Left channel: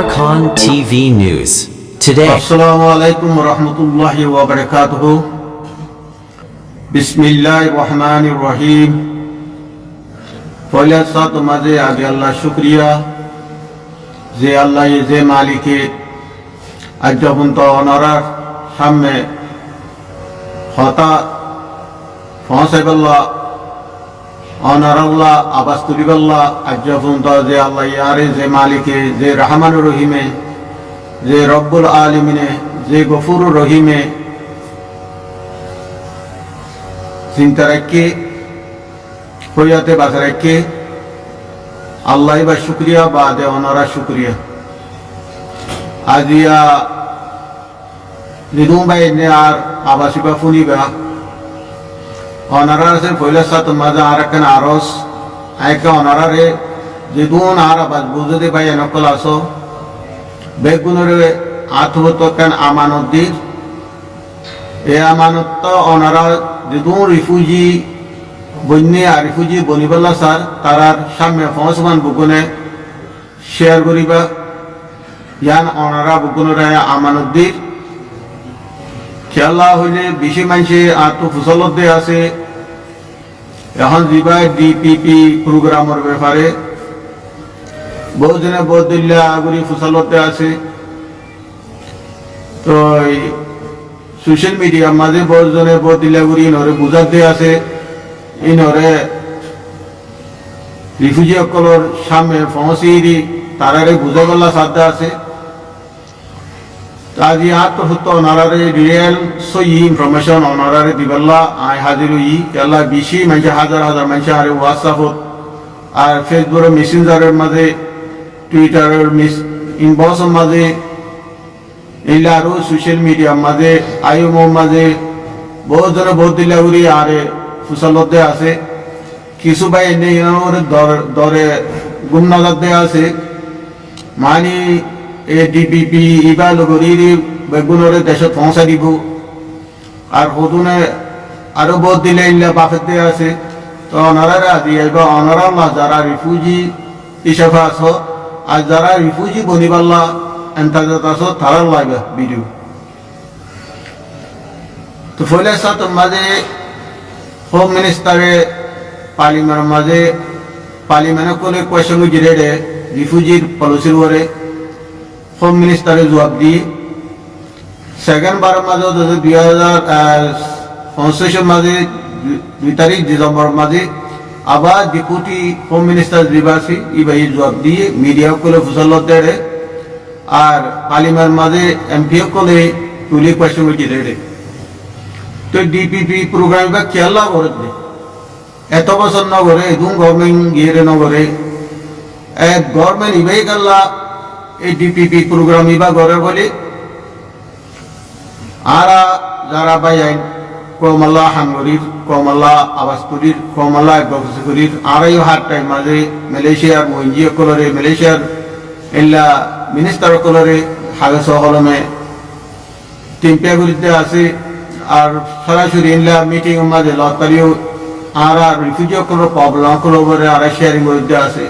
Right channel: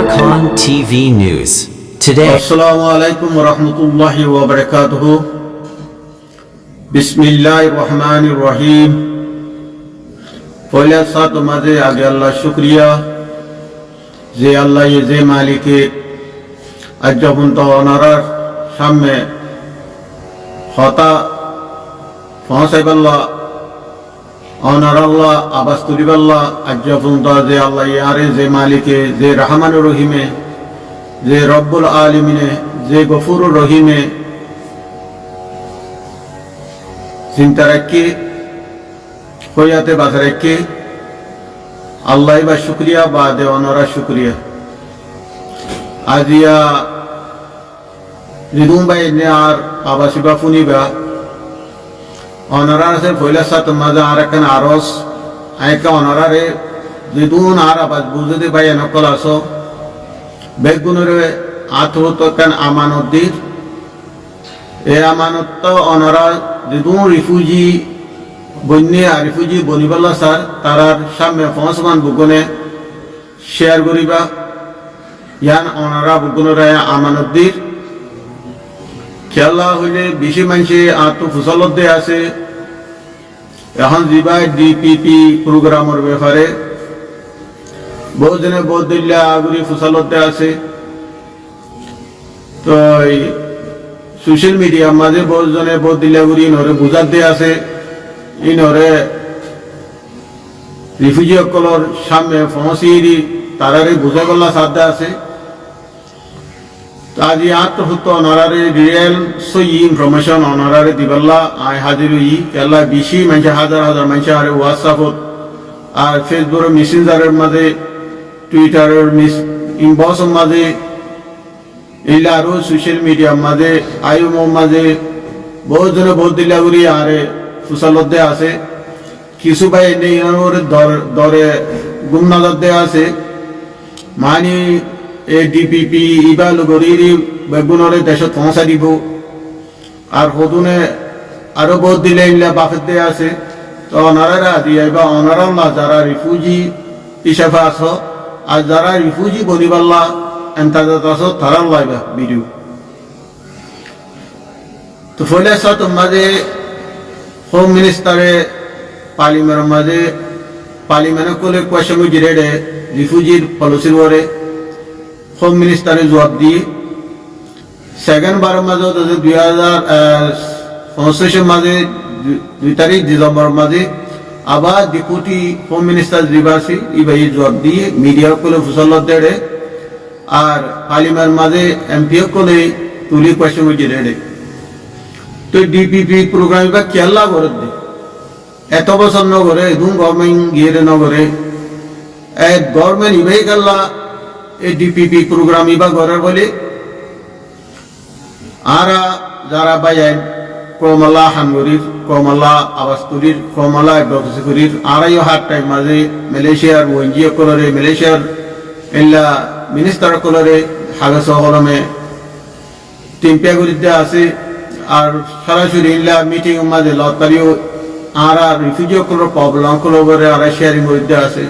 Archon TV News. Today, Assalamu alaikum wa rahmatullahi wa barakatuhu. Bismillahir Rahmanir Rahim. পয়লা সাত মাঝে আগে আল্লাহ শুকরিয়া যে আল্লাহ যে মালিকে আজ যখন তো ওনারার সামনে হতা পৌঁছাইবাল্লাহ অনার আল্লাহ আবাস তুলিবাল্লাহ আজ যখন তো যে আল্লাহ ইয়ারে যে মালিকে যে রহমানুর রহিমে যে রব্বুল আলমিনে যে গফুরুর রহিমে চিন্তা রাখি হইয়াতে বাসা রাখি আল্লাহ বা শুক্রিয়া বা দেওয়ানরা শুক্রিয়া আজিয়া রিদুম বাই নে আর আবাসিবা ফুনিবা অনারার সে ফয়লা সাত মাজা আর একখান আরস আয়কা অনারারে রিদুন আর আবাস বুঝতে বাই নকল আসো বেগুনের আত্মত কান আমানত দির এ আমানত অনারা রিদুন রিফিউজি বন্যে আর রিফিউজি বনিবাল্লা স্যার তারার সামনে ফসমান বুগনে শেয়ার করিবা ইয়ান অনারা বুগনের আমানত দির খেলা হইলে বেশি মানুষে আত্ম ফুসলত দিয়ে আছে এখন দিবা ডিপিপি প্রোগ্রামের ব্যাপারে বহুজনে বহুত দিল্লা আগুরি ফুসলতে আছে তো সোশ্যাল মিডিয়ার মাঝে বহুজনে বহুত দিল্লা গুড়ি ইনরে বুঝাতে আছে ইনরে রিফিউজি সকলের সামনে পৌঁছি তারারে বুঝা গল্লা সাধ্যা আছে আজি আত্মহত্য অনারারে রিয়েল সই ইনফরমেশন অনারারে দিবাল্লা আই হাজির ই কেলা বেশি মানুষ হাজার হাজার মানুষ আরে হোয়াটসঅ্যাপত আর ফেসবুকের মেসেঞ্জারের মাঝে টুইটারের ইনবক্সের মাঝে এইলা আরও সোশ্যাল মিডিয়ার মাঝে আইএমওর মাঝে বহুজনে বহুত দিল্লা উড়ি আরে ফুসালতে আছে কিছু ভাই এনে ইনার দরে গুমনাজার দেয়া আছে মানে এ ডিপিপি ইবা লগরির বেগুনরে দেশত পৌঁছা দিব আর সদুনে আরো বহুত দিলে ইল্লা বাফের দেয়া আছে তো অনারা আদি আইবা অনারাল্লাহ যারা রিফিউজি হিসাবে আছো আর যারা রিফিউজি বনিবাল্লা এন্তাজাত আছো তারার লাইবা ভিডিও তো ফলে সাথে মাঝে হোম মিনিস্টারে পার্লিমেন্টের মাঝে পার্লিমেন্টে কলে কোয়েশ্চন জিরেডে রিফিউজির পলিসির ওরে হোম মিনিস্টারে জবাব দিয়ে সেকেন্ড বারের মাঝে 2025 মাঝে 2 তারিখ ডিসেম্বরের মাঝে আবার ডেপুটি হোম মিনিস্টার দিবাসী ইবাই জবাব দিয়ে মিডিয়া কলে ফুসলত দেড়ে আর পার্লিমেন্ট মাঝে এমপিও কলে তুলি কোয়েশ্চন জিরেডে তো ডিপিপি প্রোগ্রাম বা কেলা করে দে এত বছর নগরে একদম গভর্নমেন্ট গিয়ে নগরে গভর্নমেন্ট ইবাই গেল্লা এই ডিপিপি প্রোগ্রাম ইবা গড়ের বলে আরা যারা বাইন কমলা হাঙ্গরির কমলা আবাসতুরির কমলা অ্যাডভোকেসির আরাইও হার টাইম মাঝে মালয়েশিয়ার ওএনজিও কলরে মালয়েশিয়ার এলা মিনিস্টার কলরে হাগে সহলমে টিম্পিয়া গরিতে আছে আর সরাসরি ইনলা মিটিং মাঝে লতারিও আরা রিফিউজিও কলর প্রবলেম কলরে আরা শেয়ারিং গরিতে আছে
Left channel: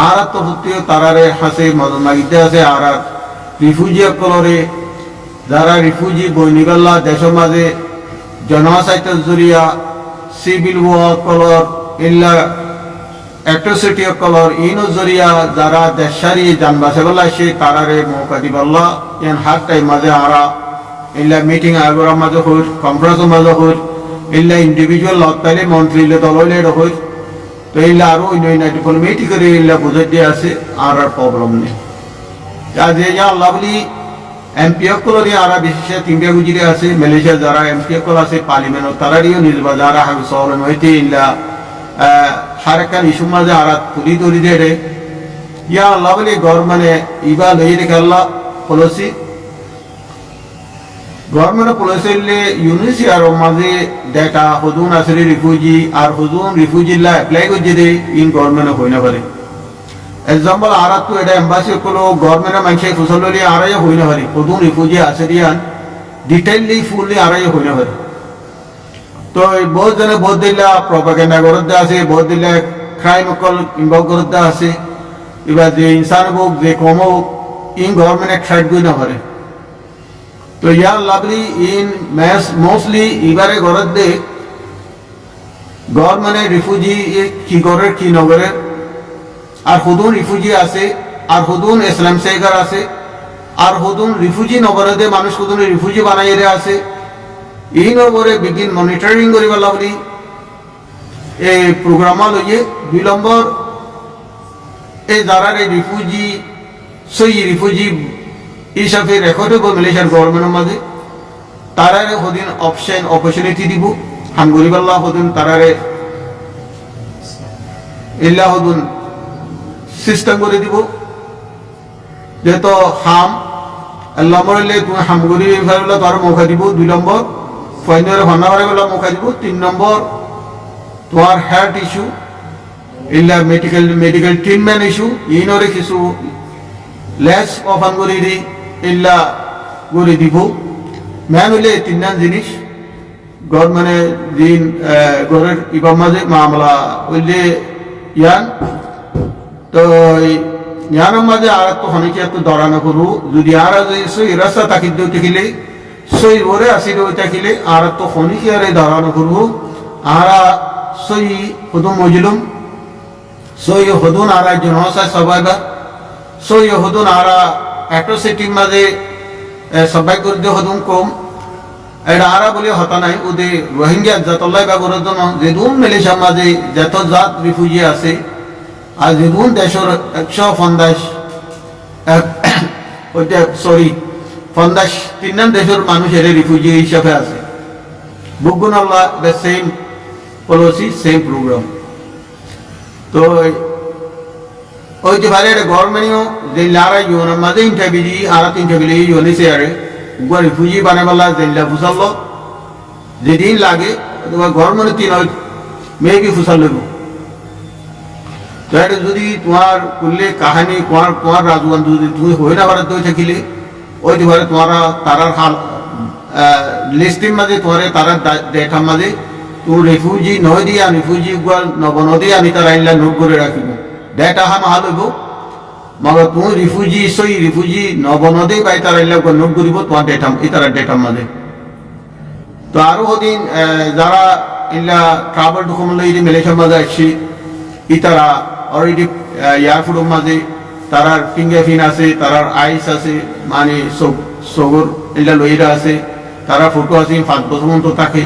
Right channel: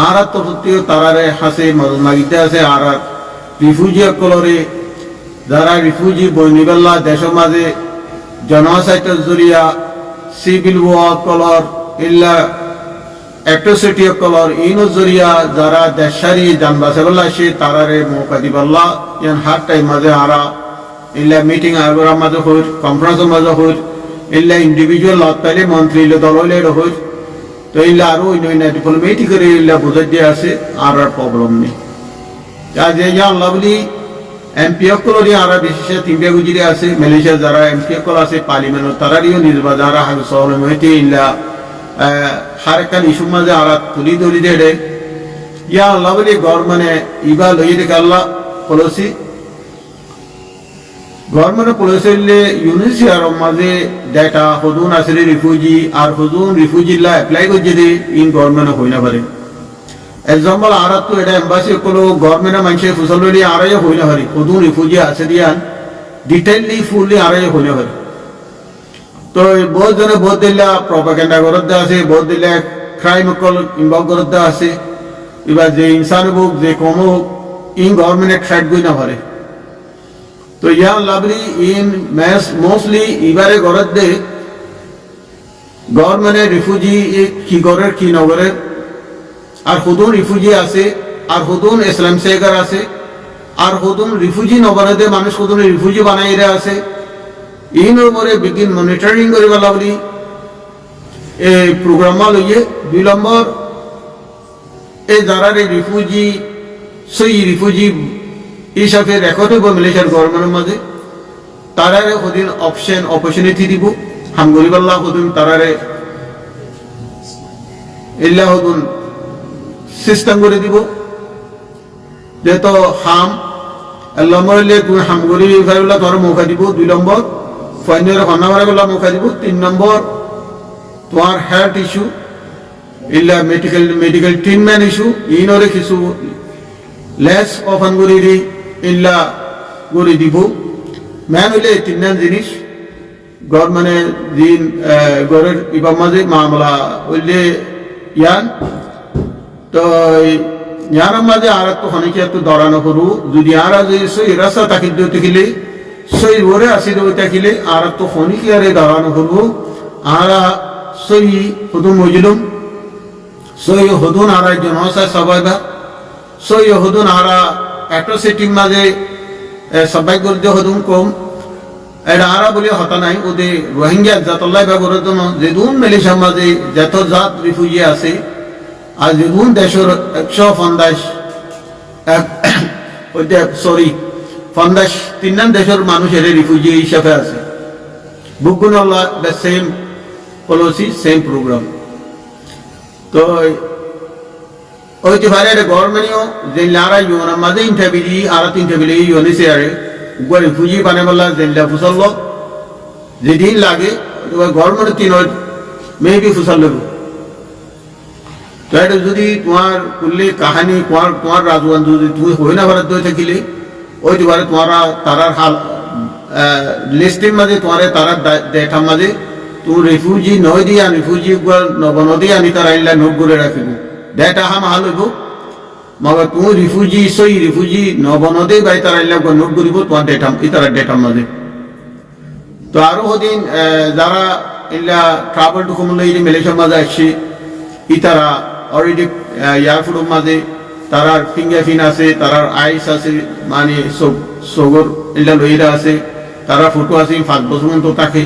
আর তফতিও তারারে হাসে মদত মাগিতে আছে আর রিফিউজি কলরে যারা রিফিউজি বনিবাল্লা দেশ মাঝে জনসাহিত্য জরিয়া সিভিল ওয়ার কলর ইল্লা অ্যাট্রোসিটি কলর ইনো জরিয়া যারা দেশারি যান বাসেবাল্লা সে তারারে মৌকা দিবাল্লা ইয়ান হার টাইম মাঝে আরা ইল্লা মিটিং আগরা মাঝে হইর কনফারেন্সের মাঝে হইর ইল্লা ইন্ডিভিজুয়াল লত পাইলে মন্ত্রী দললে হইর তো এইলা আরো অন্য ডিপ্লোমেটিক করে এইলা বুঝে দিয়ে আছে আর প্রবলেম নেই আজ এই আল্লাহ বলি এমপি কলরি আর বিশেষ তিনটা গুজিরে আছে মালয়েশিয়া যারা এমপি কল আছে পার্লিমেন্ট তারারিও নিজবা যারা হাগু শহর হইতে ইল্লা হারকান ইস্যু মাঝে আর তুলি ধরি দেড়ে ইয়া আল্লাহ বলি গভর্নমেন্টে ইবা লই রেখে আল্লাহ পলিসি গভর্নমেন্ট পলিসিলে ইউনিসিয়ার মাঝে ডেটা হদুন আসলে রিফিউজি আর হদুন রিফিউজিলা অ্যাপ্লাই করছে দে ইন গভর্নমেন্ট হই না পারে এক্সাম্পল আর তো এটা এম্বাসি কলো গভর্নমেন্ট মানুষ ফুসলি আড়াই হই না পারি হদুন রিফিউজি আছে দিয়ান ডিটেইলি ফুললি আড়াই হই না পারে তো বহুত জনে বহুত দিল্লা প্রপাগেন্ডা করতে আছে বহুত দিল্লা ক্রাইম কল ইনভলভ করতে আছে এবার যে ইনসান হোক যে কম হোক ইন গভর্নমেন্ট সাইড গই না পারে তো ইয়া লাভলি ইন মোস্টলি এবারে গড়ত দে গভর্নমেন্টের রিফিউজি কি করে কি নগরে আর হুদুন রিফিউজি আছে আর হুদুন ইসলাম সেগার আছে আর হুদুন রিফিউজি নগরে দে মানুষ হুদুন রিফিউজি বানাই রে আছে ইনর পরে বিগিন মনিটরিং করি বলা বলি এই প্রোগ্রামা লইয়ে 2 নম্বর এই যারা রিফিউজি সই রিফিউজি হিসাবে রেকর্ড হইব মালয়েশিয়ার গভর্নমেন্টের মাঝে তারারে হদিন অপরচুনিটি দিব হাম গরিবাল্লাহ হদিন তারারে ইল্লাহ হদিন সিস্টেম করে দিব যেহেতু হাম আল্লাহ মরলে তুমি হাম গরিবাল্লাহ তোমার মৌকা দিব 2 নম্বর ফাইনের হন্নাবারে বেলা মৌকা দিব 3 নম্বর তোমার হেলথ ইস্যু ইল্লা মেডিকেল ট্রিটমেন্ট ইস্যু ইনরে কিছু লেস অফান করি দি ইল্লা করে দিব মেন হইলে 3 জিনিস গভর্নমেন্টে দিন গড়ের ইবাম মাঝে মামলা হইলে ইয়ান তো ইয়ানের মাঝে আর তো অনেকে একটু দরানো করু যদি আর যদি সই রাস্তা তাকিদ দেখিলে সই ওরে আসি দেওয়া থাকিলে আর তো অনেকে আর দরানো করবো আর সই হুদুম মজলুম সই হদুন আর জনসা সবাই সই হদুন আর অ্যাট্রোসিটির মাঝে সবাই করে হদুন কম এটা আরা বলে হতা নাই ওদের রোহিঙ্গা জাতল্লাই বা করার জন্য যেদুন মালয়েশিয়ার মাঝে যত জাত রিফিউজি আছে আর যেদুন দেশের 150 দেশের মানুষ এর রিফিউজি হিসাবে আছে বুকগুন আল্লাহ the same policy same program তো ওইতে পারে গভর্নমেন্টও যে লারা ইউনের মাঝে ইন্টারভিউ আর 3টা বিলি ইউনিসে আরে উগা রিফিউজি বানাইবাল্লা জেলা ফুসাল যেদিন লাগে গভর্নমেন্ট 3 মেবি ফুসাল লব তো এটা যদি তোমার কুল্লে কাহিনী তোমার রাজওয়ান যদি তুমি হই না ভারত দই থাকিলে ওইতে পারে তোমারা তারার হাল লিস্টের মাঝে তোমার তারার ডেটার মাঝে তো রিফিউজি নয় দিয়া রিফিউজি নবনদী আনি তারা আইনলা নোট করে রাখিব ডেটা হাম হাল হইব মগর তুমি রিফিউজি সই রিফিউজি নবনদী বাই তারা আইনলা নোট করিব তোমার ডেটা এই তারা ডেটার মাঝে তো আরো হদিন যারা ইল্লা ট্রাভেল ডকুমেন্ট লইরে মালয়েশিয়ার মাঝে আসছে ই তারা অলরেডি এয়ারপোর্টের মাঝে তারার ফিঙ্গারপ্রিন্ট আছে তারার আইস আছে মানে সগর ইল্লা লইরা আছে তারা ফটো আছে 5 বছর মতো থাকে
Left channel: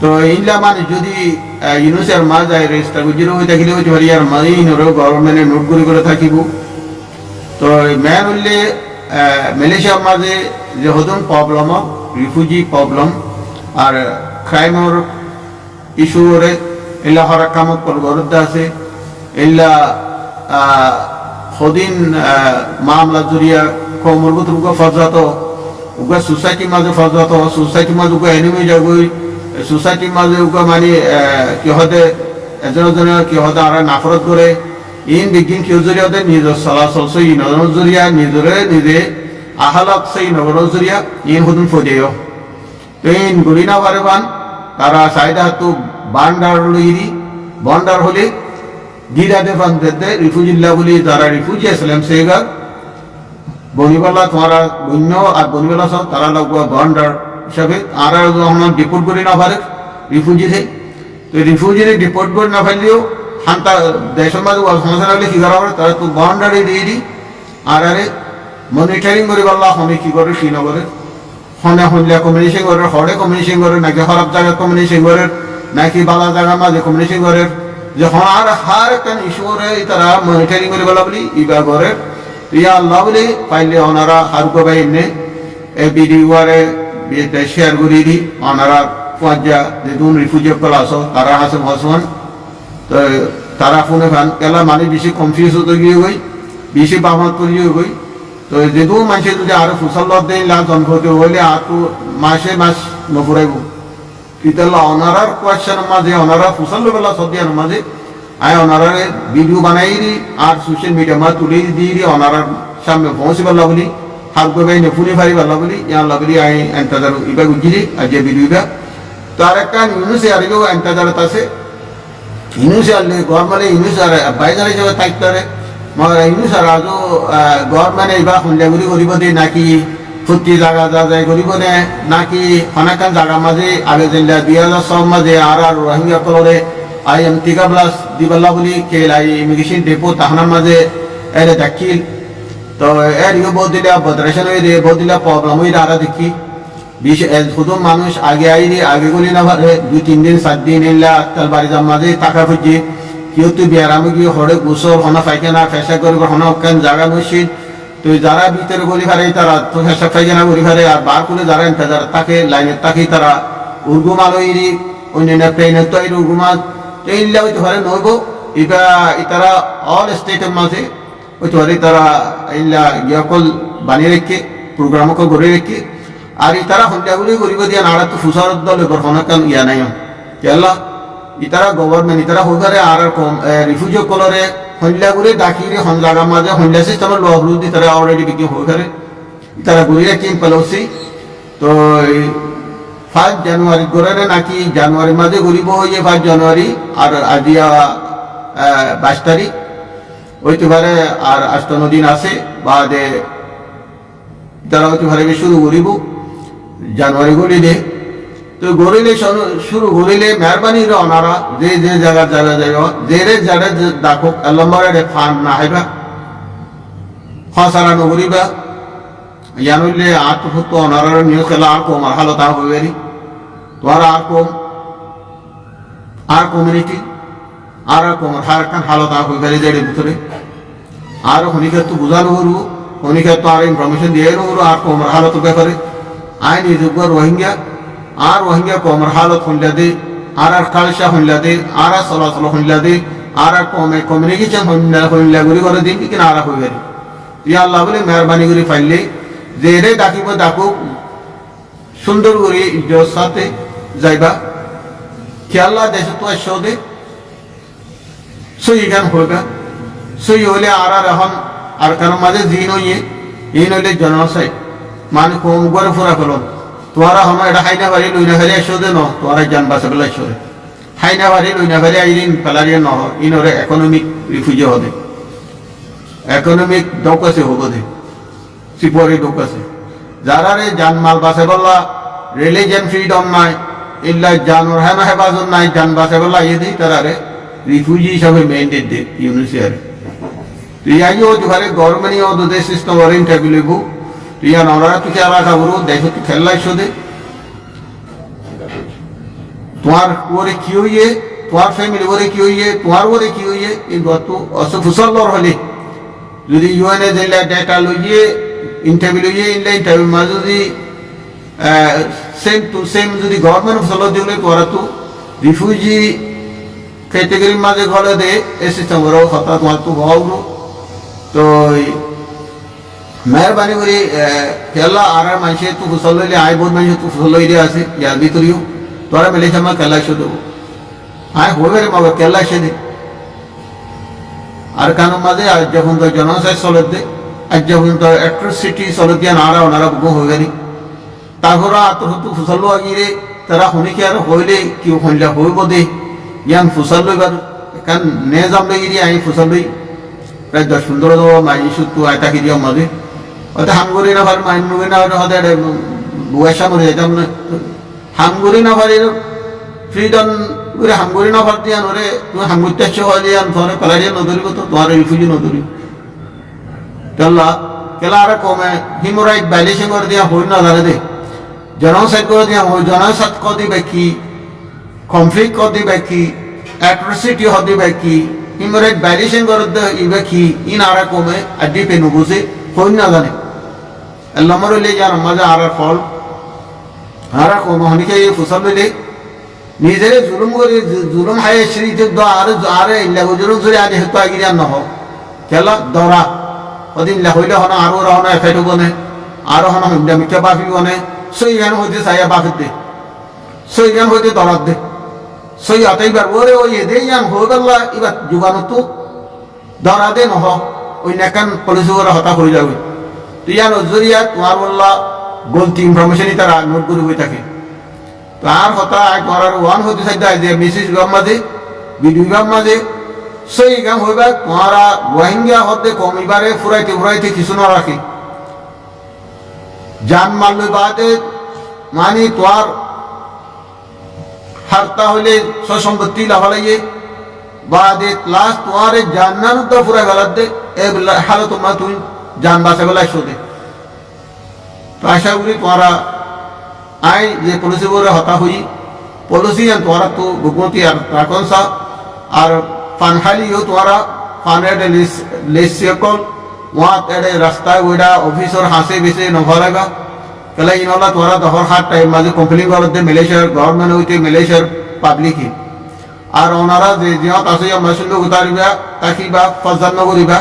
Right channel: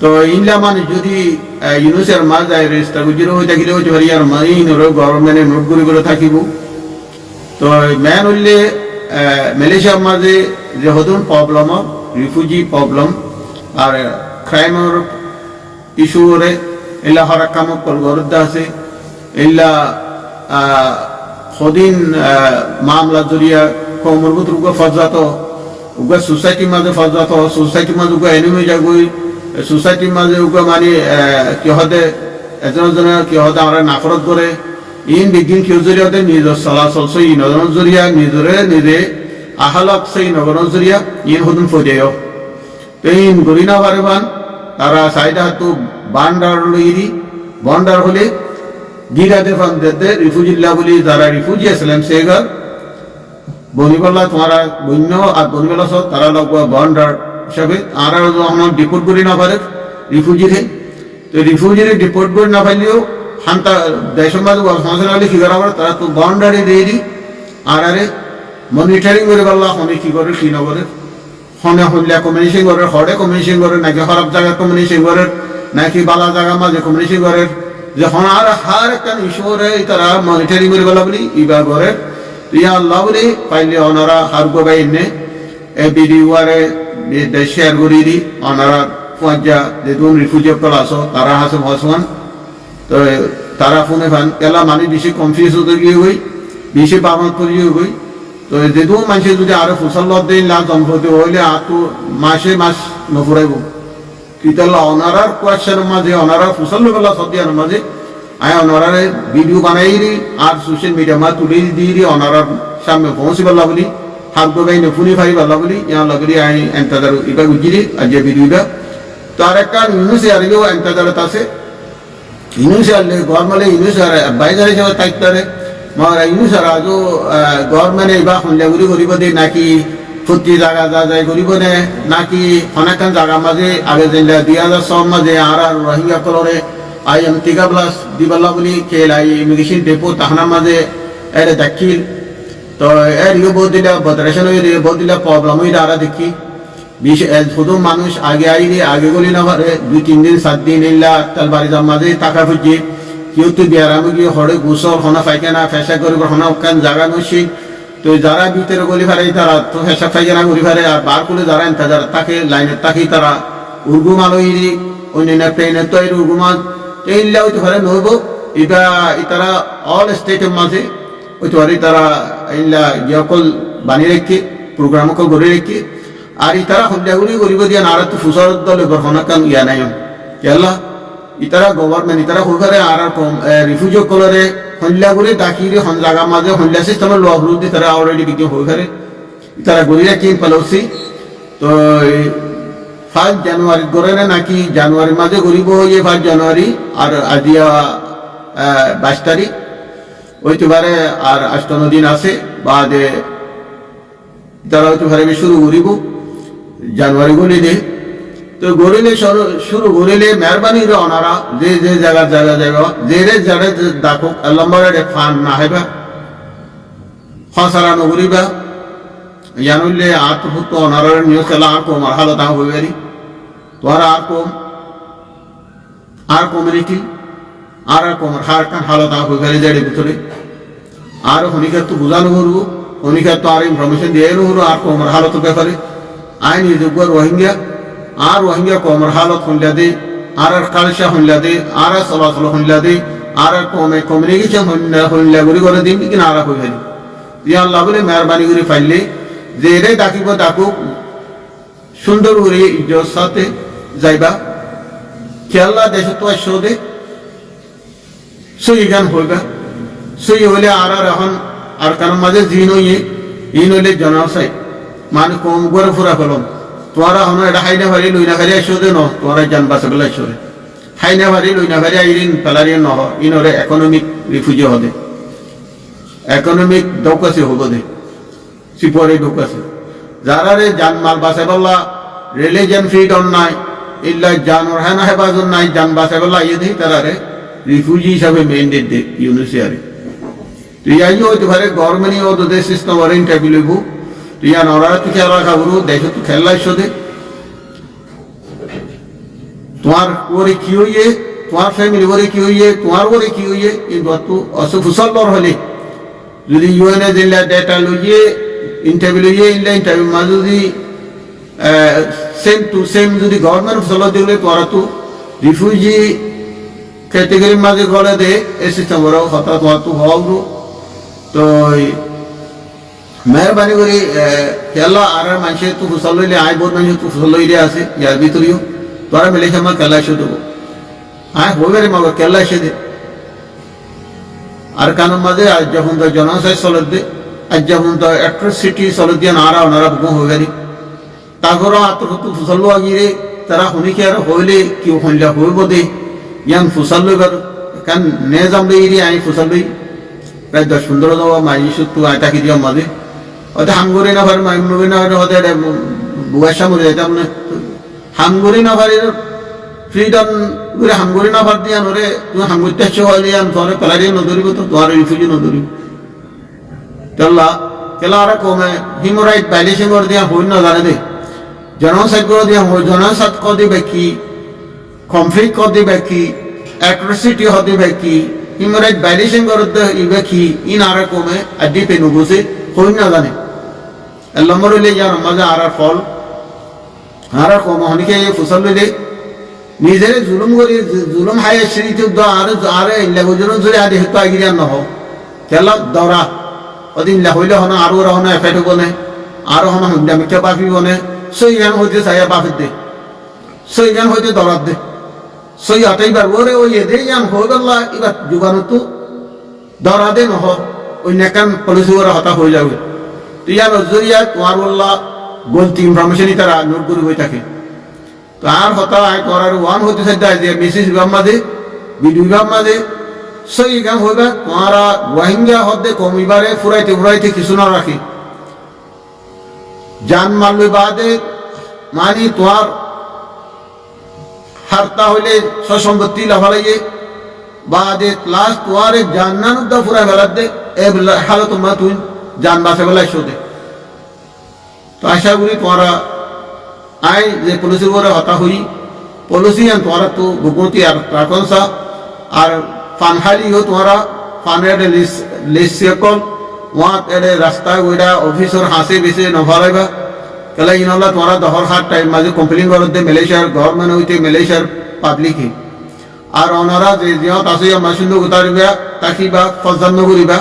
তো ইনলা মানে যদি ইউনিসের মাঝে রেজিস্টার গুজিরো হয়ে থাকিলে ওই ভারিয়ার মাইনরও গভর্নমেন্টে নোট করে থাকিব তো মেন হইলে মালয়েশিয়ার মাঝে যে হদুন প্রবলেম রিফিউজি প্রবলেম আর ক্রাইমের ইস্যুরে ইল্লা হরাক কামক কলগরদ আছে ইল্লা হদিন মামলা জরিয়া কমরবত রুগা ফজাত উগা সোসাইটির মাঝে ফজাত সোসাইটির মাঝে উগা এনিমি যাগই সোসাইটির মাঝে উগা মানে কিহদে এজনে কিহদে আর নাফরত করে ইন বিগিন কিউ জরিয়া দে নিজর চলাচল সই নজর জরিয়া নিজে আহালক সেই নগর জরিয়া ইন হদুন ফদেয় তো ইন গরিনা বারেবান তারা সাইডা তো বান্ডার লইরি বন্ডার হলে গিরা দেফান দে রিফিউজিল্লা বলি যারা রিফিউজি ইসলাম সেগা বনিবাল্লা তোমারা বন্য আর বনিবাল্লা সব তারা লগা বন্ডার হিসাবে আর যখন ডিপোর্ট করে না পারে রিফিউজিরে তো রিফিউজিরে ডিপোর্ট করে না পারলেও হান্তা দেশের মাঝে সমস্যা লাগলে কি করা পারে তারা তো বাউন্ডারি দিয়ে দিই আর মনিটরিং করে পারলা হনে কি করে কি না করে হনে হইলে কমিউনিকেশন করে হরে কমিউনিকেশন করে নাকি খারাপ জায়গা কমিউনিকেশন করে নাকি বালা জায়গা মাঝে কমিউনিকেশন করে যখন আর হার একটা ইস্যুরে তারা মনিটরিং করে পারলা বলি ইবা করে তো ইয়া আল্লাহ বলি পাইলে ওনারা হার গোবাই নে এ ভিডিওরে শেয়ার করে দি ওনারা পঞ্জা যেদিন রিফিউজি কল আসো তারা হাসে ভসমান তো তারা ফোনে ফান এলা মানে বেশি কনফিউজ হতে গিয়ে গই বেশি বাহত করে গই তো যেদিন মানুষ যদি আরো ফুসল দিন লাভ জন্ম হতে হইলে আর তো মাস নপড়াইব কিন্তু ওনারার কোয়েশ্চেনের মাঝে ওনারা ফুসল বেলা সদিয়ার মাঝে আয় ওনারা ভিডিও বানাই দি আর সোশ্যাল মিডিয়া মা তুলে দিয়ে ওনারার সামনে পৌঁছে পারলা বলি হাত গোবাই ফুনি ফারি পারলা বলি ইয়া বলি আই এন্তাজার ইবা গুজিরি আর যে ভিডিওটা তো আর একটা ইউনুসে আরিও এন্তাজারত আছে ইউনুসে আনলে গরমালে ইউনুস আর বাইজার হিসাবে থাকতে মগর ইনু স্যার আজও গভর্নমেন্ট এইবার সন্ধ্যাগুড়ি করিব দে নাকি ফুটি জায়গা যা যায় করিব নে নাকি অনেকখান জায়গার মাঝে আগে যেটা 2006 মাঝে আর রোহিঙ্গা কলরে আইএম টিকা প্লাস দিবাল্লা বলি খেলাই ইমিগ্রেশন ডেপো তাহানার মাঝে এর দাখিল তো এর ইয়ে বহুত দিলে বদরেশন হয়ে দিয়ে বহুত দিলে প্রবলেম হয়ে আরা দেখি শুধু মানুষ আগে আইলে আগে গলি না পারে 2-3 দিন 7 দিন এলা তাল বাড়ি যার মাঝে টাকা খুঁজছে কেউ তো বিয়ারামে গিয়ে হরে গোসল হনা পায়খানা ফেসা করিব হনা ওখান জায়গা মসজিদ তো যারা ভিতরে গলি ফারে তারা তো ফেসা পায়খানা গলি ফারে আর বার খুলে যারা ইন্তজার তাকে লাইনের তাকে তারা উর্গুম আলোইরি অন্যান্য ট্রেনের তো এই উর্গুমাল তো ইল্লা হইতে পারে নইব এবার তারা অল স্টেটের মাঝে হইতে পারে তারা ইল্লা ইয়াকল বানিয়ে রেখে প্রোগ্রাম অকল গড়ে রেখে আর তারা সন্ধ্যাগুড়ি করিব দিয়া নাড়া তো ফুসার দল এবার হনাকান ইয়া নাই কেলা ইতারা গভর্নমেন্ট ইতারা হয়ে পারে আর কম রিফিউজি কলরে সন্ধ্যাগুড়ি ডাকিরে হন জায়গার মাঝে সন্ধ্যা সিস্টেমের ল হলুদ তারা অলরেডি বিক্রি হয়ে পারে তারা গড়ি রাখি পেলছি তো 5 জানুয়ারি গড়ে নাকি জানুয়ারির মাঝে গড়িব হয়ে 5 জানুয়ারি আর আজিয়া 22 তারিখ হইতে পারে আর 8 দিন আছে বাদে তারা হইতে পারে শুরু করিব জানুয়ারি গলি দে তো গড়িলে শুরু করিলে মেহরবানি রে অনারা যে যে জায়গা যাইব যে রে যারা দেখো লম্বরে ফান না হাইবা হসারা নগরিবা জানুইলে আত্মভূত অনারার নিউজ খেলা আর কম আর হালত হইবারি তোমার আর কমিউনিটি আর কম হার কান হালত হইবারি যাই ভিতরে আর হনিকার তো বুঝানো করবো হনিকার তো আর ইনফরমেশন দিয়ে নহরু আর কম হালত ব্যাপারে আইন যোগ্য রোহিঙ্গা আর রোহিঙ্গা কমর হালত হইলা দে আর কালসা হইলা দে আর চলাচল হইলা দে আর কমে কমিউনিকেশন হইলা গুড়ি করে দিন কিনা আর হয়ে গেল ইয়া আল্লাহ বলে মেহরবানি করে ফাইলে যে এরে ডাকিব ডাকুক সুন্দর করে ইজ্জত সাথে যাইবা খেয়াল্লা দেশ তো আসো দে সই গান হইবা সই হইলে আর এখন আর কারণ মাঝে জিন হইয়ে ইন হইলে জনসাই মানে কম করে ফুরা ফেলন তোরা হন এটা হাইনা ভারি লইনা ভারি আসো দে ন তোরা জান বাসে বেলা আসো রে হাইনা ভারি লইনা ভারি আইরিন পেলারিয়া নহ ইনরে ইকোনমিক রিফিউজি হবে ইকোনমিক দৌক আছে হব দে সিপরে দৌক আছে যারা রে জান মাল বাসে বেলা রিলিজিয়ন ফ্রিডম নাই ইল্লা জানোর হ্যাঁ হেফাজত নাই জান বাসে বেলা ইয়ে দিই তারা রে রিফিউজি হিসাবে মেইনটেন দে ইউনিসিয়ারে তো ইয়াই হতে পারে গভর্নমেন্ট ও দে সিস্টেম ওর ইন্টারভিউ লইব ইয়া নরা তো খেলা খাবো দেখো তো খেলা ইসো দে তোমার ওরে কি হইয়ে তোমার ফ্যামিলি ওরে কি হইয়ে তোমার ওরে কি হইয়ে এই তো অসুফুসল্লর হলে যদি ইউএনএ দিল্লা ডেটা লইয়ে ইন্টারভিউ লইয়ে ইনলা ইন্টারভিউ মাঝে যদি সেম টু সেম যদি গভর্নমেন্ট ফসল দিলে তোরা তো রিফিউজি ক্যাটেগরির মাঝে গলে দে এই সিস্টেম ওরা কথা তোমার তো হওয়া তো মেহরবানি করে খেলা আর মানুষের তো ফুসল লইলে আয় বহুত মানুষের তো ফুসল লইলে আছে ইয়ার ভিতরেও তোরা মেলেছে আমার কেলা এসে দেবো আয় হইবে রে মাগর কেলা এসে দে আর কানোর মাঝে আজ যখন তো জনসাই চলত দে আজ যখন তো অ্যাট্রসিটি চলত দিয়ে নারা ওনারা বুক হইবারি তারপরে আত্মহত্যা ফুসল আগিয়ে তারা শুনিকে আর হইলে কেউ শুনলে হইব দে ইয়ান ফুসল লইবার কারণ নে যাম লই এরিয়া আই ফুসল লই প্রায় 10-15 দেওয়া মাইসু তো আয় তাকে দিয়াম মাঝে হয়তো হামগরি না পারে মাইনুরি না পারে হয়তো বুয়াশা মরে যাইতাম না হামগরি না পারে ফ্রিডম করে হামগরি না পার দিয়া নরে তুমি হামগরটা হইলে আন ধরে পেলারিয়া নদরিব তো তোমার রিফিউজি নদরিব তেল্লা কেলা আর কমে হিউম্যান রাইট ভাইলেশন করে দিয়া হই না জানে দে জনসাইড করে দিয়া হই জনসাইড করে দিবে কি কনফ্লিক্ট করে দিবে কি অ্যাট্রসিটি হতে দিবে কি হিউম্যান রাইট ভাইলেশন করে দিবে কি ইন আর কমে আড্ডি পেনু বুঝে হই না জানে আল্লাহ মরলে যার মাঝে আর ফল আর কমে হনিকে ফুসল লইলে নিজেরে জুলুম করে জুলুম হাই শ্রীতে আর আর ইল্লা জুলুম ধরে আদি হেতু আগিরিয়া নহ খেলা দরা ওদিন হইলে হনা আরো রহনা এফেক্ট বনে আরো হনা হুন্ডা মিথ্যা বাফি বনে সই গান হইতে চাইয়া বাফের দে সই গান হইতে দরাত দে সই আটাইবার ওরে ওই এদে ইয়ান হয়ে গেল এবার যুগানো তো দরা দে নহ ওই নেকান পলিসি ওরা হতা হয়ে যাবে তো ইয়ান জরিয়া তোমার বললা গলতি ইনফরমেশনই তারা নোট করে বই থাকে তো আর হতা করার ওয়ান হতে চাইতে যে মিসিস বিভাগ মাঝে বিডি বিভাগ মাঝে সই গাম হইবা তোমারা রোহিঙ্গা হদে কমিবারে ফুরাইতে কিছু না রাখি জান মারলই বাদে মানে তোমার হারতা হইলে সম্পত্তি লাফালাইয়ে বাদে লাস্ট তোমার জান্নান উদ্দা ফুরাই ফেলাতে এ হালত তোমার তুই জান বাঁচে বেলায় শোধে তো আশা করি তোমারা আই যে পলিসি করে হতা হই পলিসি আন তোমারা তো ভুগতি আর রাখন সা আর ফানহালিও তোমারা ফানের লিস্ট কল ওয়াত এড়ে রাস্তায় ওইটা অফিসর হাসে বেশি নভরাইবা কেলা ইনল্লা তোমারা দহর হাট টাইম মাঝে কমপ্লেন করে দে মালয়েশিয়ার গভর্নমেন্ট হইতে মালয়েশিয়ার পাবলিকই আর ওনারা যে জিয়াত আছে আমরা সুন্দর উতারিবা তাকিবা ফজান্ন করিবা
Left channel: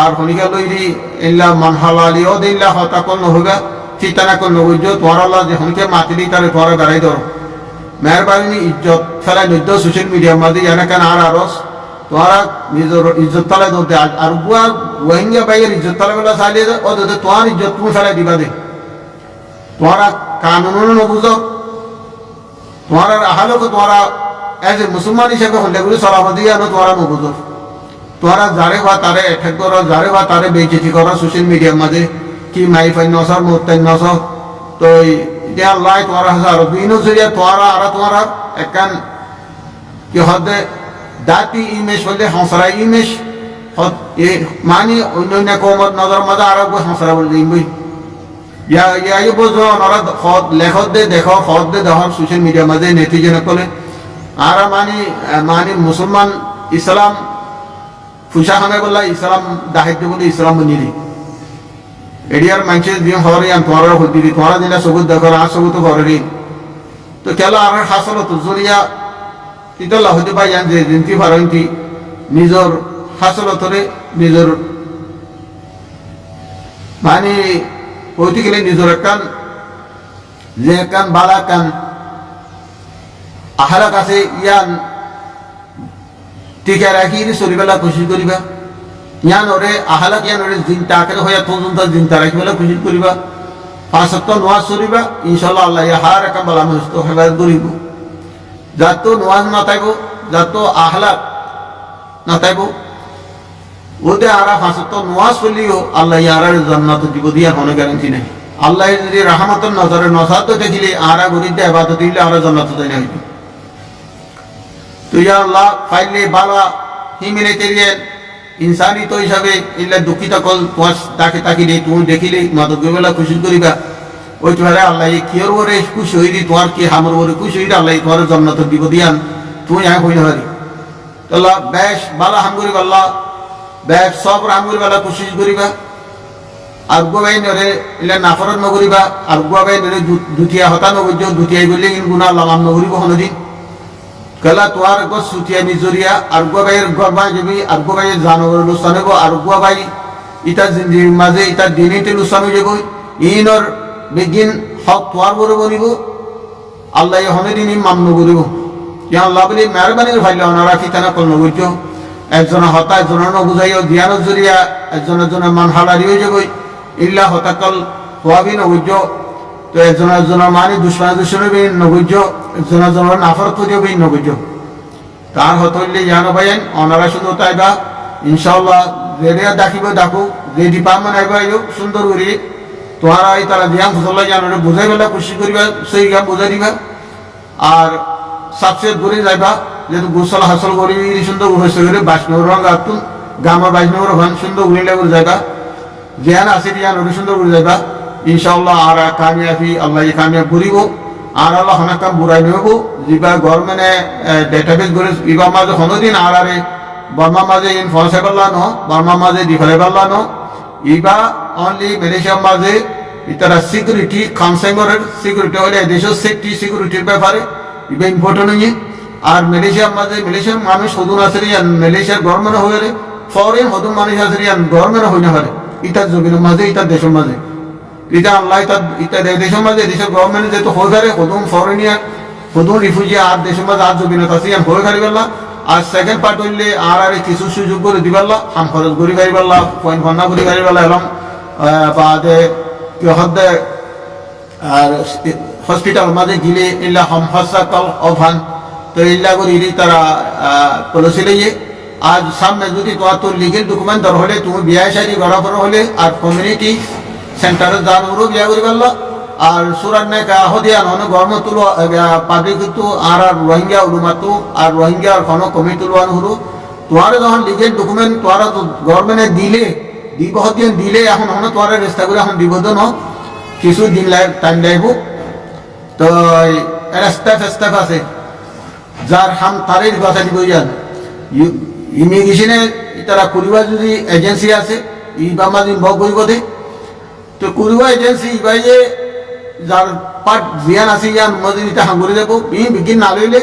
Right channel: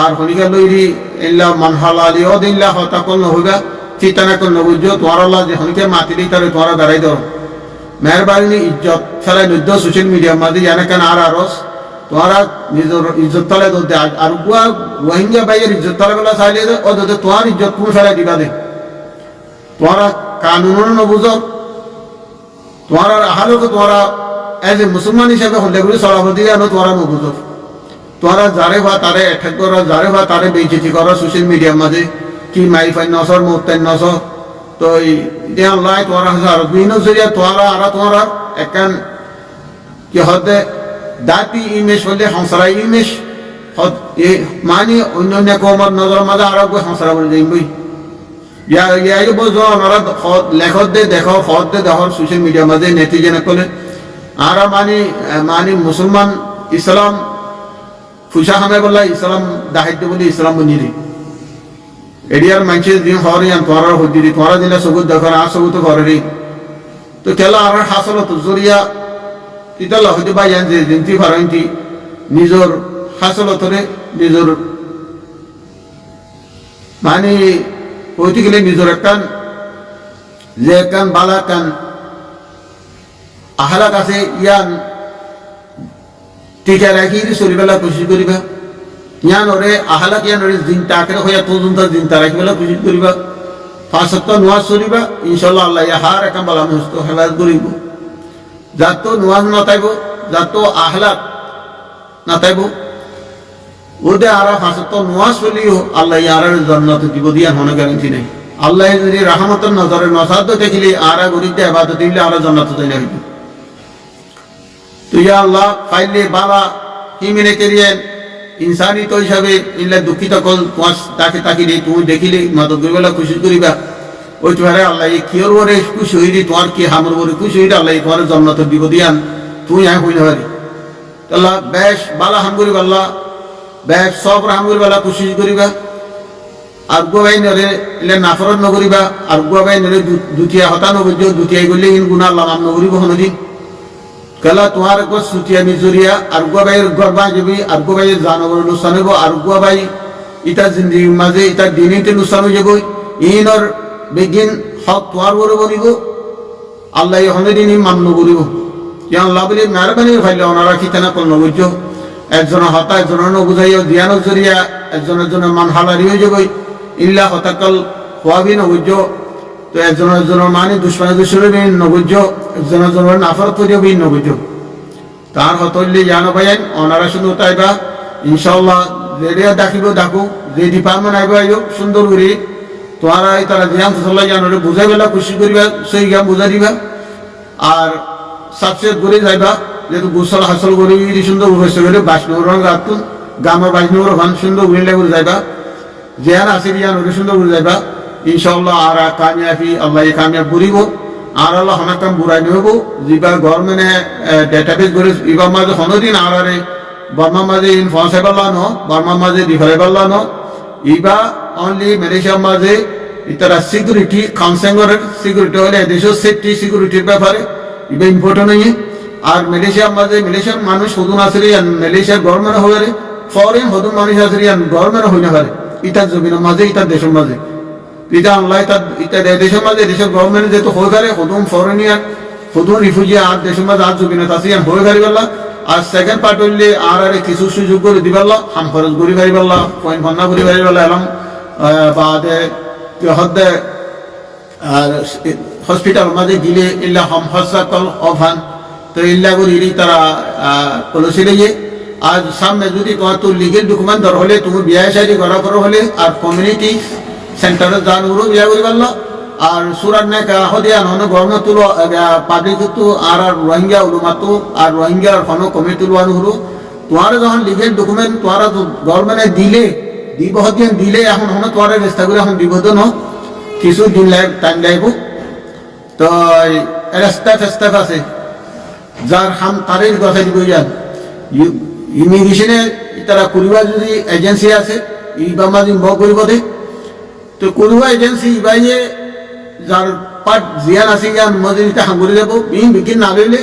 আর হনিকা লইরি ইল্লা মানহালালি ও দিল্লা হতা কল নহইবা চিতানা কল নবুজ তোমার আল্লাহ যে হনিকে মাতিলি তারে তোমারা বেড়াই ধরো মেহরবানি ইজ্জত ফেলাই নদ্য সোশ্যাল মিডিয়ার মাঝে এনাকান আর আরস তোমারা নিজের ইজ্জত তালে দে আর গুয়া রোহিঙ্গা বাইয়ের ইজ্জত তালে বেলা চাইলে ও দে তোমার ইজ্জত তুমি ফেলাই দিবা দে তোমারা কানুন নবুঝ তোমার আহালক তোমারা এজ এ মুসলমান হিসাবে হল্লেগুলি চলাফতি আনো তোমারা নবুঝ তোমারা যারে হওয়া তারে এঠেক করো যারে হওয়া তারে বেইজ্জতি করো সোশ্যাল মিডিয়ার মাঝে কি মাই ফাইন নসর মোত্তাইন নসর তো এতিয়া লাই তোমারা হাসা আর বিভিন্ন জরিয়া তোমারা একান কি হদে দাতি ইমেজ হলে হাঁসরা ইমেজ মানে অন্য কমত নজর মাঝে আরো হাঁসরা বলে দিবই ইয়াই বোঝো ওনারা লেখত দে দেখো হদ দে দেখর সোশ্যাল মিডিয়ার মাঝে নেতিজনে কলে আর মানে মুসলমান ইসলাম ফুসা হামে বললা ইসলাম দাহিদ্য বলে ইসলাম বনিরি এডিয়ার মানুষে দিন হরে আন তোমার হদিরি তোমারা দিলা সবুত দেখো আর সবুত হরে তো কেলা আর হাসল তো জরিয়া ইতাল্লাহ হইতে পাই জান যে জিনতি ফারইতি নিজর হাসল তরে নিজর মানে হইতে গেলে নিজর একখান যে একখান বালা কান আহলা কাছে ইয়ান টিকা রাখি চলিবেলা খুশি করিবা ইয়ান ওরে আহালাক ইয়ান ওরে দিন টাকের হইয়া তজুন্তা দিন তা রাখিবেলা খুশি করিবা 5 সপ্তাহ নোয়াজ করিবা ইনশাল্লাহ আল্লাহ হার একাম বালা মুস্ত হেফাজত করিব যাত নোয়াজ না তাইব যাত আহলাক না তাইব ওদে আরা 5 সপ্তাহ নোয়াজ করলিও আল্লাহ ইয়ার জান্নাত দিব দিয়ার হনে গ্যারান্টি নাই আল্লাহ যদি রাহমাতের নজরে নসাদ দেখিলে আরা গরিব ইবাদত দিলে আরা জান্নাত দেয় না হইব তো ইয়া আল্লাহ ফাইলে বালা হিমিনেটেরিয়ান ইনসানি তো হিসাবে ইল্লা দুঃখিত কল তোমার তাকে তাকিলে তুমি দেখিলে মাদকবেলা খুশি করিবা ওই তোমার আল্লাহ কিয়র ওরে খুশি হইরি তোমার কি হামর ওরে খুশি হইরি আল্লাহ তোমার জান্নাত দিব দিয়ান তুই আয় হই না পারি আল্লাহ বেশ বালা হাম করিবা আল্লাহ বেশ সব রাম করিবা খুশি করিবা আর গোবাই নরে ইল্লা নাফরত নকরিবা আর গোবাই নরে দুটিয়া হতা নগজ দুটিয়াই গলে ইন গুনাহ আল্লাহ মাম নকরিব হনদিন কলা তোমার গো সুতিয়া মিজুরিয়া আর গোবাইয়ের গরবা যাবি আর গোবাইয়ের জানবর লুসান হইব আর গোবাই ইটা জিন্দিগির মাঝে ইটা দিনিতে লুসান হয়ে যাব ইনর বেগিন হক তোয়ার বড় বনিব আল্লাহ হনে দিন মান্য করিব ইয়া আল্লাহ বলে মেহরবানি ফাইলে ওনারা ফিতানা কল নবুজ একজন হতা একজনের নবুঝাইও জ্ঞানের জরিয়া একজনের মান হালারি হয়ে যাব ইল্লা হতাকল হওয়াবি নবুজ তো একজনের মানে দুশ্মনের নবুজ একজনের নাফর করিও বিন নবুজ তার হতল্লি জানো ভাইয়ান ওনারা শুধু তাইবা ইনশাল্লাহ রেডিয়া ডাকিব ডাকু যে ডিপার্টমেন্ট আইব আইব সুন্দর করে তোমারা এই তারা জিয়াম ফসল্লা জানো বুঝাই বেলা খুশি করিবা সেই গাম বুঝাই দিবা আর সাবসেট করে যাইবা যেহেতু গোসল হাসল করি সুন্দর হয়েছে করে 22 রঙ গাতুন গামর 22 রঙ সুন্দর উইন্ডা করে যাইবা জিয়ান আছে জিয়ান সুন্দর করে যাইবা ইনশাআল্লাহ আর কামিয়াবি আল্লাহ কামিয়াব করিব আর আল্লাহ হনাকাম বুড়াই নেব যিবা গভর্নমেন্টে ডেটাবেস করে ইবা মাঝে হনদিন আর আরে বর্মা মাঝে ইনফর্সেবল্লা ন বর্মা মাঝে ডিফারেবল্লা ন ইবা অনলি মালয়েশিয়ার মাঝে ইতারা সিকিউরিটি কনসেঙ্গরের সিকিউরিটি হলে দেশের সেফটি সিকিউরিটির ব্যাপারে ইবা ইম্পর্টেন্ট হয়ে আর মালয়েশিয়ার মাঝে মালয়েশিয়ার মানুষ হদুন আসরি মালয়েশিয়ার গভর্নমেন্ট হয়ে ফরেন হদুন মানুষ আসরি গভর্নমেন্ট হই না পারে ইতার জমিনের মাঝে ইতার দেশের মাঝে ইটা আল্লাহ ইতা দেশের মাঝে দেশের গভর্নমেন্ট যেহেতু হয়ে পারে হদুম ফরেনিয়ার হদুম রিফিউজি আর দেশের মাঝে আর জমিনত আছে হয়ে পারিবাল্লা আর সেকেন্ড পার্ট হইলে আর কিছু সুযোগ করে দিবাল্লা হাম খরচ করি পারিবাল্লা পয়েন্ট ফন্না করি পারিবাল্লা এলাম বাদে হদ্দে আর হসপিটাল মাঝে গিলে ইল্লা হম হসা কল অভান তো ইল্লা করি তারা কলসি লইয়ে আজ সামনে যদি তোমার তো লিগেল ডকুমেন্ট দর হলে তুমি বিয়া শাদি করা পর হলে আর কমিউনিটি সেন্টারে যান উড়ো বিয়া করি পারলা আর সুরার নাই কাহ দিয়া নহলে গরমে তুলো পাবলিক তো আর রোহিঙ্গা উলুমাতো আর রোহিঙ্গা আর কোনো কমিটি তুলবানো হলো তোমার যখন লিগেল ডকুমেন্ট তোমার গভর্নমেন্টে দিলে দিব দিন দিলে এখন হন তোমার রেস্তা করে এখন দিব তো ন কিছু দিন টাইম লাগব তো স্টাফ আছে যার হাম তারের কথা দিব যান ইমিগ্রেশনে তারা করিবা যদি এজেন্সি আছে ই বাম্মা দিন বক করিব দে তো করিবা এজেন্সি ইবাইয়ে যার পাট জিয়ান আছে ইয়ান মজুরিটা হাঙ্গুরি যাব ই বিগিন না লইলে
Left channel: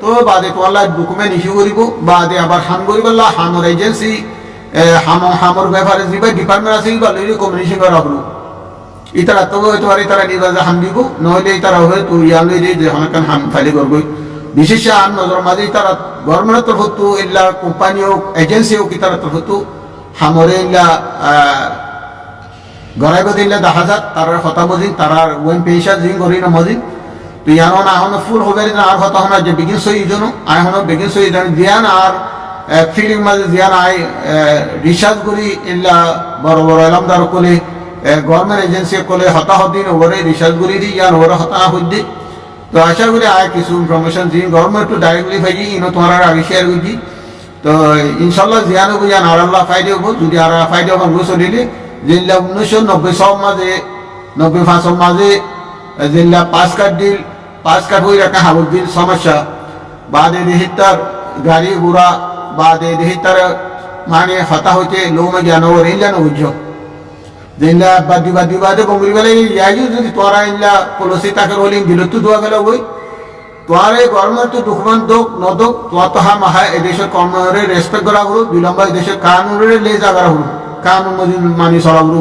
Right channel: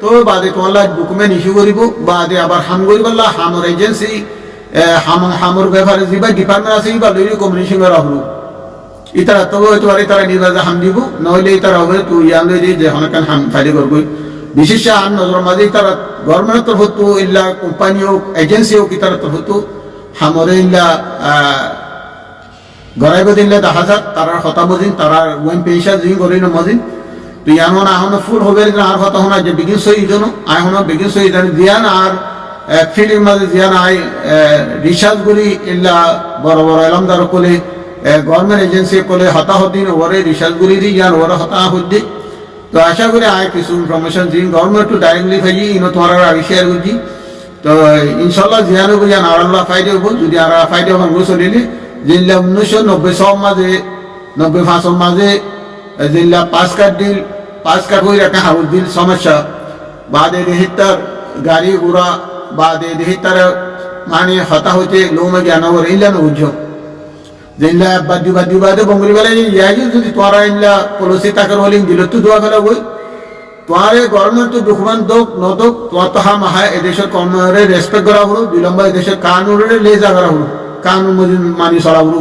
তো বাদে তোমার ডকুমেন্ট ইস্যু করিব বাদে আবার হাম করিবাল্লা হামর এজেন্সি হামর ব্যাপারে যা ডিপার্টমেন্ট আছে বা লইলে কমিউনিকেশন করা হলো ইতারা তবে হয়তো পারে তারা নির্বাচন হাম দিব নইলে তারা হবে তো ইয়ান লইলে যে অনেক হাম ফাইলি করবই বিশেষ আন নজর মাঝে তারা গভর্নমেন্টের তরফ তো ইল্লা কোম্পানি হোক এজেন্সি হোক তার তরফ তো হামরে ইল্লা গড়াইব দিলে 10,000 তারা হতা মজিন তারা ওয়েন পেশা জিং করি না মজিন তো ইয়ানো না হন ফুল হবে আর হতা হনা যে বিগিন সই জন্য আই হন বিগিন সই জানি জিয়ান আর ফিলিং মাঝে জিয়ান আই রিসার্চ করি ইল্লা বড় বড় এলামদার কোলে গভর্নমেন্ট এজেন্সি কোলে হতা হদিন ওরে রিসার্চ করি দি ইয়ান ওরে হতা হদ্দি তো আশা করি আয় কিছু ইনফরমেশন জিন গভর্নমেন্ট টু ডাইরেক্টলি ফাই ইনো তোমার আগে শেয়ার করছি তো ইনশাল্লাহ জিয়ানো বুঝান আর আল্লাহ ফাইদে হবো যদি আর ফাইদে ভাঙ্গু চলিলে জিল্লা 1990 সব মাঝে 95 মাঝে জিল্লা পাস কাট হয়ে রাখা হাবুল দিল সমস্যা বাদে দেহিতার গাড়ি ঘোড়া বাদে দেহিতার মানে হতা হইতে লোমে জ্ঞান ওর ইল্লানো বুঝছো জিল্লা বাদি বাদে বঙ্গরি বেলা ইয়াই যদি তোরা ইল্লা পলিসি তাকের হলে দিল তো দোয়া ফেলা বই তোমার গভর্নমেন্ট তো ডকুমেন্ট দোক নদোক তোমার তো হা মাহা এদেশের কর্মরে রেসপেক্ট করা হলো 2 নম্বর এদেশের কানুনের লেজা করা হলো কানুন মজিন মানি চলা হলো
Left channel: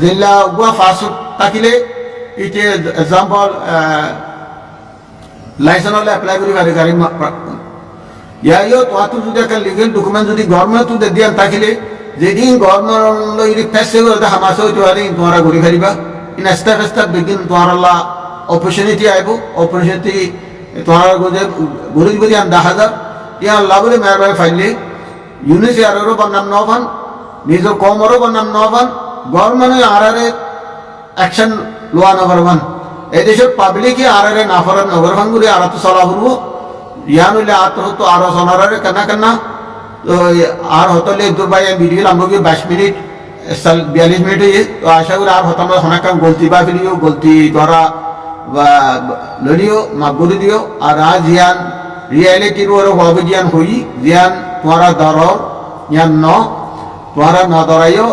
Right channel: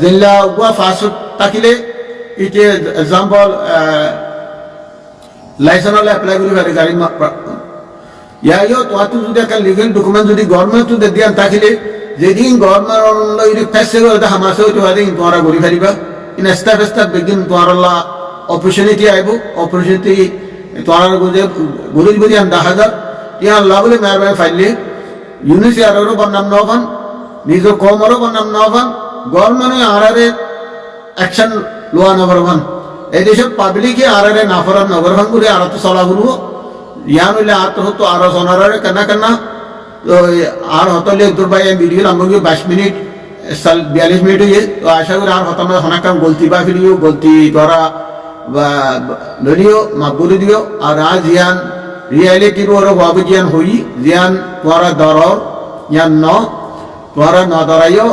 জিল্লা উয়া ফাঁস থাকিলে ইটে এক্সাম্পল লাইসেন্স এপ্লাই করি পারে গাড়ি ইয়াইও তোমার তো যদি একটা লিগেল ডকুমেন্ট যদি গভর্নমেন্ট তো দিয়ান থাকিলে যেদিন গভর্নমেন্ট ফেসে করে হামাসে হইতে পারে তোমরা ঘুরি ফারিবা ইন স্টাফ বেগিন তোমার অপরচুনিটি আইব অপরচুনিটি তোমার ঘুরি যদি 10,000 ইয়া আল্লাহ বলে মেহরবানি ফাইলে ইউনিসিয়ারও বন্নাম নবান নিজের কমরও বন্নাম নবান গভর্নমেন্ট আরারে অ্যাকশন লোয়া নগরবান এই দেশের পাবলিকে আরারে নাফরান নগরবান করে আর তো চলা করবো ইয়ান হইলে আর তো হতো আরো সোনারে কেনা তো আর হতলে দুর্বাই ভিডিও লাগবে 22 মিনিট 42 মিনিট হয়ে তো আশা করি আর হতাম অনেক কাম গলতি বা ফেলিও গলতি দ্বারা বা লড়িও মাগুরি দিও আর আজ জিয়ান রিয়ালিটির ওর হব জিয়ান হই জিয়ান তোমারা দর ইয়ান ন তোমারা ন দরাইও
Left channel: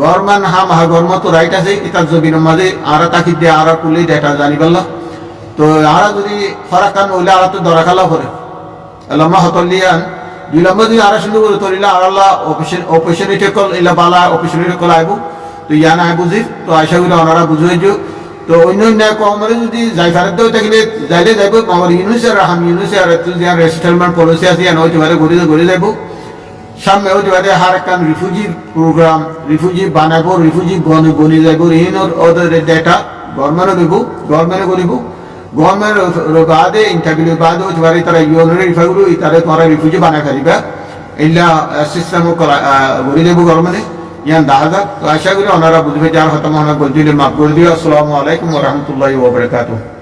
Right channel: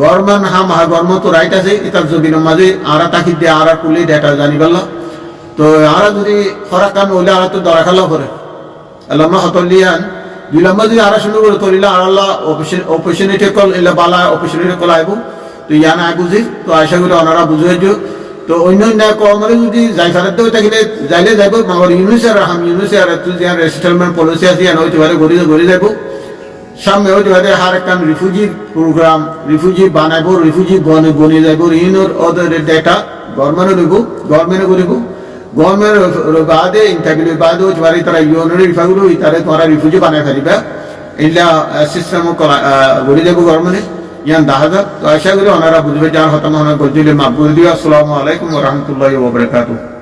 গভর্নমেন্ট হা গভর্নমেন্ট তো রাইট আছে ইতার জমিনের মাঝে আর তাকি দিয়ে আর পুলি ডেটা জানি পারলা তো আর যদি ফরাক কাম হইলে আর তো দরা খালা করে আল্লাহ হতলিয়ান 2 নম্বর যদি আর সুন্দর করে তরিলা আর আল্লাহ অপরচুনিটি কল ইলা বালা অপরচুনিটি কল আইব তো ইয়ান আই বুঝি তো আশা করি ওনারা বুঝাই দিও তো অন্য কমরে যদি যাই ফেরত দেও থাকলে যাইলে যাইব আমার ইউনিসের হাম ইউনিসের রেসেটেলমেন্ট পলিসি আছে ইয়ান হইতে পারে ঘুরে যাইব সামনে হইতে পারে হার কান রিফিউজি প্রোগ্রাম রিফিউজি বানাইব রিফিউজি বনি যাইব ইউনোর ওদের ডেটা গভর্নমেন্টে করিব গভর্নমেন্ট বাদে ইন্টারভিউ বাদে হইতে পারে তারা ইউনোর রিফাগুলো তারা তোমার রিফিউজি বানাই ফেলিবা এইলা সিস্টেম ঘুরে যাইব গভর্নমেন্টে ইয়ান 10,000 তো আশা করি ওনারা বুঝবে যার হতাম বলছিল মাফ করে দিও আসসালামু আলাইকুম ওয়া রাহমাতুল্লাহি ওয়া বারাকাতুহু